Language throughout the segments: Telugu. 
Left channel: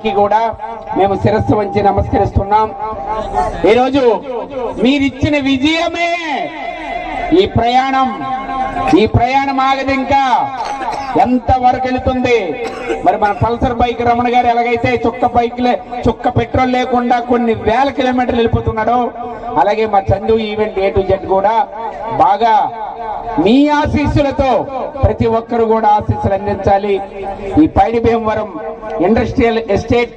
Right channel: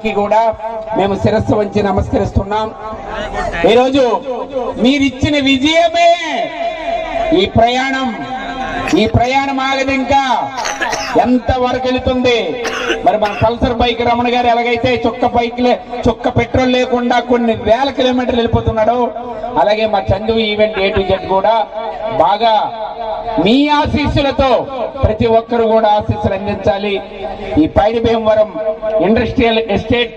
కూడా మేము శిరస్సు వంచి నమస్కరిస్తున్నాం. ఈరోజు మీరిచ్చిన విజయమే ఈ ప్రయాణం ఆగదు. ఇంకా ఎంత వరకు వెళుతుంది మరి? మన పల్సర్ బైక్ రమణ గారు ఎలాగైతే చుక్క పెట్రోల్ లేకుండా కొన్ని వేల కిలోమీటర్లు వెళ్ళిపోతున్నాడో, అలాగే మా Chandu event A to Z కూడా బాగా మీ ఆశీస్సులతో ప్రతి ఒక్కరు కూడా ఆశీస్సులు అందించాలి. ఈ పైడి భీమవరం ఇండస్ట్రియల్ ఎస్టేట్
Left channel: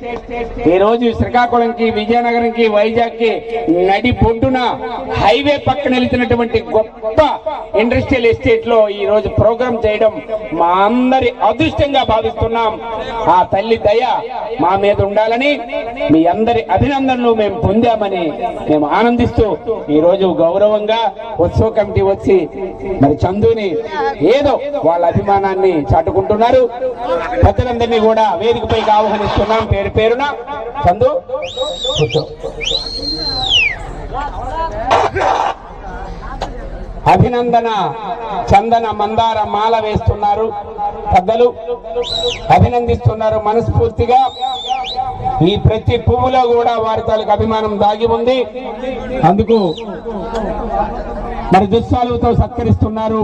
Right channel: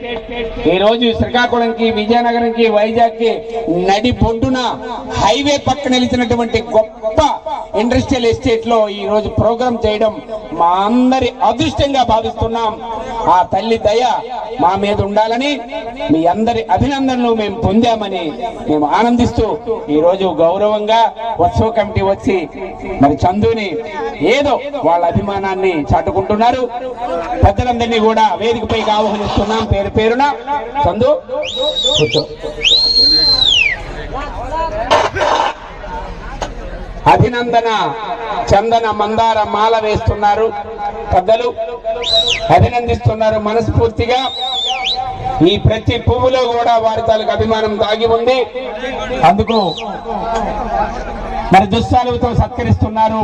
ఈ రోజు శ్రీకాకుళంకి, విజయనగరంకి, వైజాగ్ కి నడి బొడ్డున హైవే పక్కన నిలిచినటువంటి గొప్ప ఇండస్ట్రియల్ ఎస్టేట్ లో ఈ రోజు ప్రోగ్రాం చేయడం మా అందరి అదృష్టంగా భావిస్తున్నాం. ఆ తల్లి దయ మా మీద ఉండాలని, మీ అందరి అభినందనలు మేము పొందామని మేము ఆనందిస్తూ ఈ రోజు గౌరవంగా ఉత్సవ కమిటీ వచ్చి మరి చందుని ఏదో వాళ్ళ అభిమానాన్ని చాటుకుంటున్నారు. పెద్దలందరినీ కూడా వేదికపైకి ఆహ్వానిస్తున్నాం పేరు పేరున. చందు కూర్చో. అభినందన చందన మందార మాల వేస్తున్నారు పెద్దలు, అభినందిస్తున్నారు మనస్ఫూర్తిగా. ఈ ప్రతి పువ్వులో కూడా వారి తాలూకు అభిమానం దాగి ఉంది. అందుకు మరి దుస్సాలతో సత్కరిస్తున్నారు.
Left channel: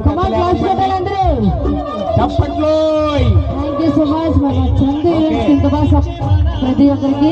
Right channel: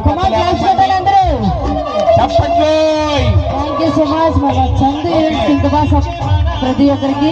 ప్రతి ఒక్కరికి